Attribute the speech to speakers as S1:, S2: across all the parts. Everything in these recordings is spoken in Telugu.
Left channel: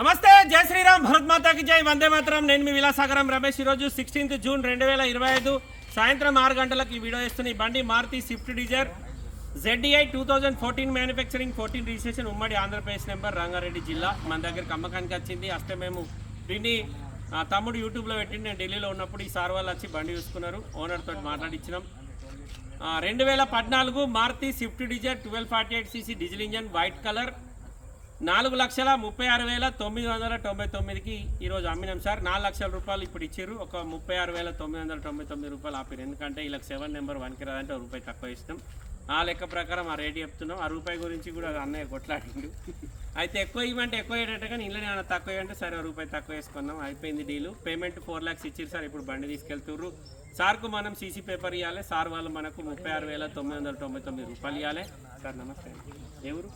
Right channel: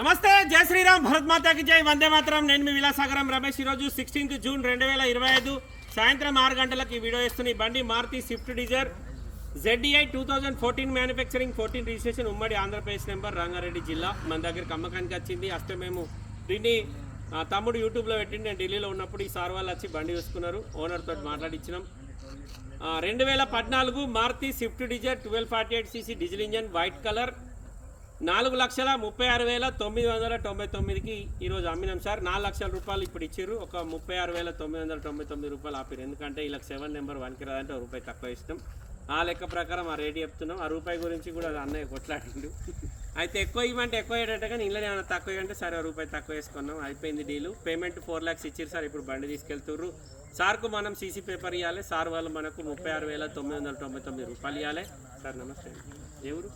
S1: నమస్తే జై శ్రీరామ్ భరత్ మాతాకి జై. వందే మాత్రం. నేను మీ విలాసాగరం రమేష్. ఈరోజు సిక్స్టీన్త్ జూన్ రెండు వేల ఇరవై ఐదు సాయంత్రం ఆరు గంటలకు ఈ వీడియో ఇస్తున్న ఈ బండి Maruti Swift Dzire ZDI two thousand fourteen manufacturing fourteen registration ఉమ్మడి ఆంధ్రప్రదేశ్ నెంబర్ రంగారెడ్డి జిల్లా. మన దగ్గరికి అమ్మకానికి వచ్చింది. అస్తే మేము దీన్ని తమ్ముడు యూట్యూబ్లో పెట్టి నేను ఢిల్లీలో ఉన్నప్పుడు ఈ సార్ వాళ్ళు వచ్చి బండి చూసుకున్నారు. ఓనర్తో మాట్లాడించినాం రెండు వేల పద్నాలుగు Maruti Swift Dzire twelve forty eight CC diesel engine white colour. నాలుగు లక్షల ముప్పై ఆరు వేల తొమ్మిది వందల తొంభై తొమ్మిదికి ఈరోజు అమ్మినాం సార్. నాలుగు లక్షల రూపాయలు ఇప్పుడు ఇచ్చారు. ఒక ముప్పై ఆరు వేల తొమ్మిది వందల తొంభై తొమ్మిది రూపాయలు ఆపారు. ఎందుకంటే ఇలా సెవెన్ నెంబర్ వన్కి రాదంటే ఒక రూపాయి తక్కువ ఇస్తాం. ఆ లెక్క ప్రకారం ఆ రేటు చెప్తున్నాం. ఆ రూపాయి గురించి కూడా అన్నయ్య కొట్లాడిండు. అయితే ఎక్కువ ఇవ్వమంటే ఎక్కువ అయ్యేటట్టు కానీ ఇంట్లో ఏమైనా తక్కువ ఇవ్వంటే సరే రూపాయి తక్కువ వేసుకున్నాం అయిపోయింది డీలు. పేమెంట్ ఫోర్ ల్యాక్స్ ఇచ్చారు సార్ ఇప్పుడు బండి తీసుకెళ్తుర్రు. సార్కు మనం సీసీ పేపర్ ఇవ్వాలి సార్ వాళ్ళు మనకు ముప్పై ఆరు వేల తొమ్మిది వందల తొంభై తొమ్మిది రూపాయలు ఇవ్వాలి సార్ నమస్తే. ఎవరు?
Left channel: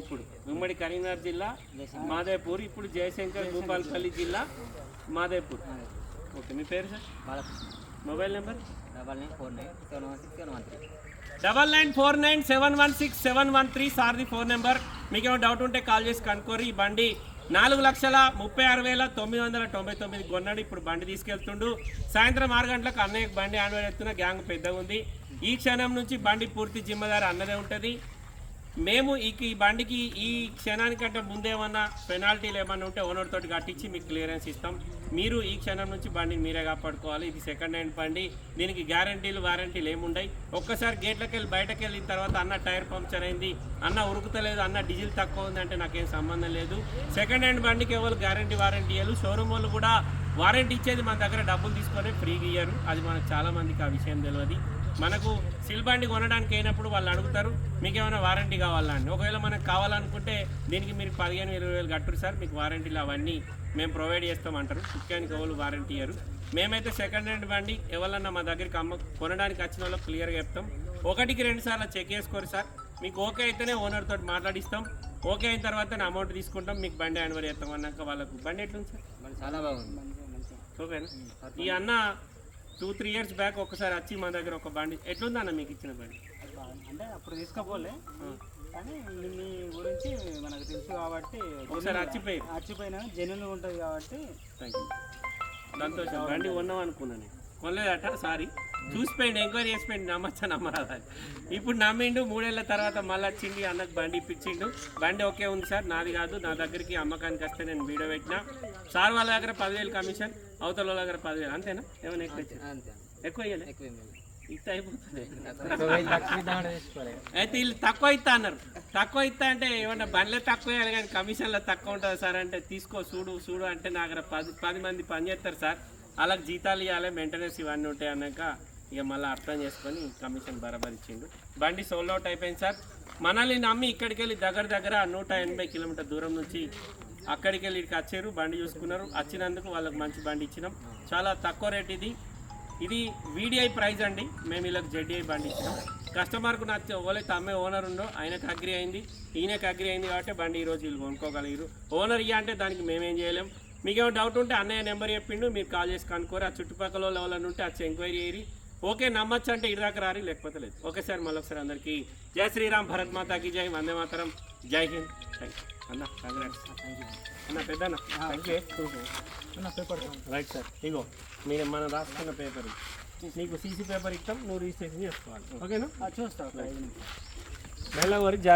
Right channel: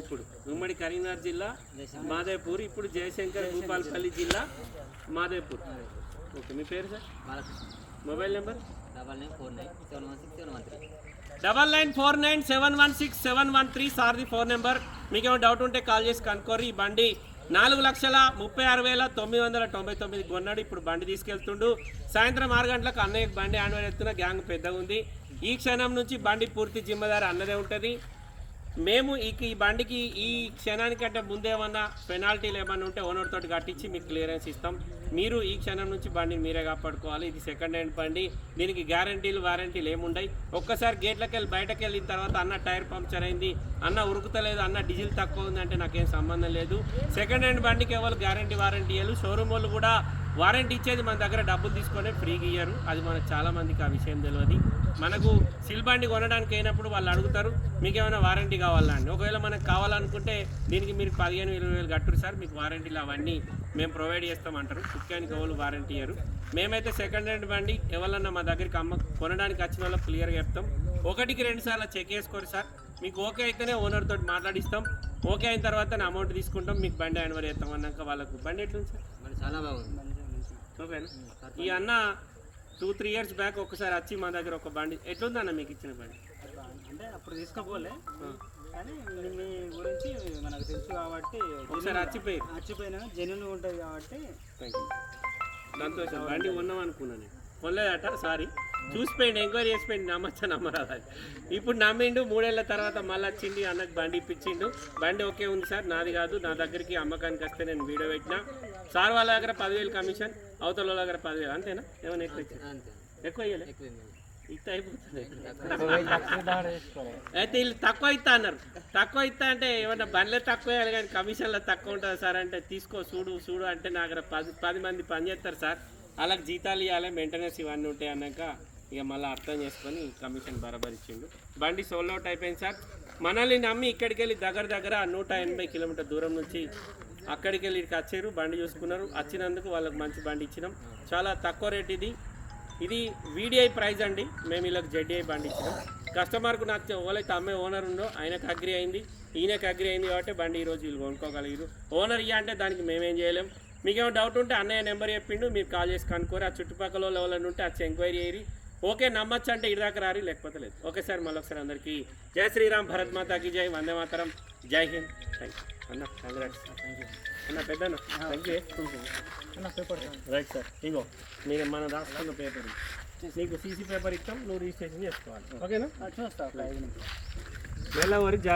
S1: ఇప్పుడు ఉమ్మడి కరీంనగర్ జిల్లా మాదేపూర్ ఇప్పుడు జయశంకర్ భూపాలపల్లి జిల్లా మాదేపూర్. ఓకే మీ పేరు sir? Mobile number?
S2: Double nine four nine seven one six seven one three.
S1: Double nine four nine seven one six seven one three సార్ది phone number. మీకు ఏమైనా డౌట్ ఉంటే కాల్ చేసి కనుక్కోరు. ఈ బండి నాలుగు లక్షల ముప్పై ఆరు వేల తొమ్మిది వందల తొంభై తొమ్మిది కొన్నాడు. ఇప్పుడు బండి తీసుకెళ్తుండు. సాయంత్రం ఆరు గంటలకు అన్నయ్య బండి ఆన్వైన్ ఎత్తున గ్యాంగ్ పెద్దగా ఉంది ఈ క్షణం నుంచి బండి పూర్తి జిమ్మదారు అన్నదే ఉంటుంది. మేము ఈ ఈ బండికి ఈ క్షణానికంటే ముందేమన్నా పెనాల్టీలు ఏమన్నా ఉంటే ఓనర్ తోటి కట్టించి మీకు క్లియరెన్స్ ఇస్తాం. మీరు ఈ క్షణం నుంచి బండిని మీరే కాపాడుకోవాలి. ఇది సెకండ్ హ్యాండ్ బండి. దీనికి గ్యారంటీలు వారంటీలు ఏముండయి? ఒక్కసారి గేట్లకి వెళ్ళి బయటకు వెళ్ళిన తర్వాత అన్న టైర్ పంక్చర్ అయింది అన్న ఉరుకుతలేదు అన్న డీజిల్ తక్కువ ఉందంటే నాకేం సంబంధం లేదు. సెకండ్ హ్యాండ్ బండికి ఎవరు గ్యారంటీ వారంటీ ఇవ్వరు షోరూమ్ వాళ్ళు కూడా వారంటీ ఇచ్చేది మన దగ్గర డబ్బులు తీసుకొని ఫ్రీగా ఇయ్యారు అది మనకు చాలామందికి ఆ విషయం తెలియదు మనకు సిల్బండి కొనడానికి అయినప్పుడు వాళ్ళు అడుగుతారు మీకు ఏమైనా వారంటీ కావాలా అని ఒకవేళ మనకు కావాలనుకుంటే దీనికి మీరు పదిహేను ఇరవై వేలు కట్టరు సార్. మీకు వారంటీలు అవన్నీ మేము ప్రొవైడ్ చేస్తామంటారు కుక్కానికి ఎవరు వారంటీ ఇయ్యరు. మేమైతే సెకండ్ హ్యాండ్ బండి ఎవరన్నా మా దగ్గరికి అమ్మ కొనడానికి వచ్చిన వాళ్ళకి క్లియర్గా చెప్తాం. ఒకటికి రెండు సార్లు చెక్ చేసుకోరు సార్. మీకు ఓకే అయితేనే ఓనర్ తోటి మాట్లాడిస్తాం. ఓకే అయిన తర్వాత నా అమౌంట్ తీసుకుంటాం. మీకు బండి యాన్వర్ చేస్తాం అన్నాక వాళ్ళకు. బండి ఎట్లుంది సార్?
S2: చాలా బాగుంది.
S1: ఓకేనా? ఈ అన్న టూ త్రీ ఇయర్స్ బ్యాక్ ఒకసారి వచ్చి మా దగ్గర ఒక బండి ఎట్లుంది అన్న మీకు ఇచ్చిన బండి?
S3: అంటే అప్పుడు తీసుకోపోలే. కానీ మీ గురించి మనకు తెలుసు కాబట్టి
S1: ఒకసారి వచ్చిపోయి
S3: మర్చిపోయినా జెన్యున్ ఉంటుంది కాబట్టి.
S1: థ్యాంక్ యూ సంతోషం బండి ఉన్నాం అనుకున్నాను కొనలేదట సారీ. చూసిపోయింది ఎంక్వైరీ చేసిపోయింది నమ్మచ్చా నమ్మరాదు? అని. ఇప్పుడు నమ్మిండు మూడేళ్ళ తర్వాత మళ్ళీ వచ్చింది అన్నకు బండి ఇప్పించిండు. బండి ఓకే ఉంది సార్ నాది కాదు నా దగ్గరికి అమ్మకానికి వస్తే నేను వీడియో పెట్టినా. సార్ వాళ్ళ దగ్గర పదివేలు కమిషన్. అవతల వాళ్ళ దగ్గర పదివేలు అంతేనా? ఏమైనా ఎక్కువ ఎక్కువ అయిపోతుంది. అయితే వీళ్ళు తక్కువ ఇస్తా అన్నారు. తక్కువ ఇస్తా అంటే ఏమన్నా బండ్లే తక్కువ వేయాలి కానీ కమిషన్లో తక్కువ ఉంటుంది సార్ అంటే తీసుకో చూడు చూడు అంటే నా దగ్గర పది పది మంది పని చేస్తారు సార్. వాళ్ళకి జీతాలు ఇవ్వాలి మెయింటెనెన్స్ ఇవన్నీ ఉంటాయి అన్నాక ఇక మళ్ళీ అర్థం చేసుకొని కమిషన్ బరాబర్ ఇచ్చిండు. బండి సోల్ అవుట్ అయిపోయింది సార్. మనల్ని నమ్మి ఇక్కడికి వెళ్ళి దగ్గర దగ్గర నూట ఎనభై కిలోమీటర్ దూరం నుంచి అక్కడికి వెళ్ళి ఇక్కడికి వచ్చారు బండి చూసుకున్నారు. వచ్చినందుకు వాళ్ళకి మంచి బండి ఇచ్చినాం. చాలా తక్కువ రేట్ ఇది. ఇది వీడిఐ ప్రైజ్ అండి. మేము వీళ్ళకి జెడ్ఐ బండి ఇచ్చినాం. కస్టమర్కు నచ్చే ఓలైతే అమ్మే ఓనర్ ఉందో ఆయనకు అగ్రి అయింది. ఈయనకు అగ్రి అయింది కాబట్టి బండి ఈరోజు వీళ్ళు కొనుక్కోగలిగారు ఓనర్ ఇయ్య అంటే దానికి మేమేం చేయలేం. మీకు డౌట్ ఉంటే అన్నయ్య నెంబర్ చెప్పిండు. మీరు కాల్ చేసి కనుక్కోరు. ఆ చుట్టుపక్కల వాళ్ళు ఎవరైనా ఉంటే వచ్చి ఎంక్వైరీ అయ్యి ఓకే నమ్మచ్చు అంటే ఇటు రారి లేకపోతే లేదు. ఓకే సార్ మళ్ళీ ఒకసారి అందరికీ జై శ్రీరామ్ భరత్ మాతాకి జై వందే మాతరం. జై హింద్. థ్యాంక్ యూ అన్న కంగ్రాట్స్ అన్న thank you
S3: paper
S1: right sir ఇగో మీరు మనం రాసుకున్న పేపర్ నీకు సీసీ పేపర్ ఇస్తాం నువ్వు రిజిస్ట్రేషన్ చేసుకోవాలి. ఓకేనా?
S3: చూస్తా.
S1: నెల వరకు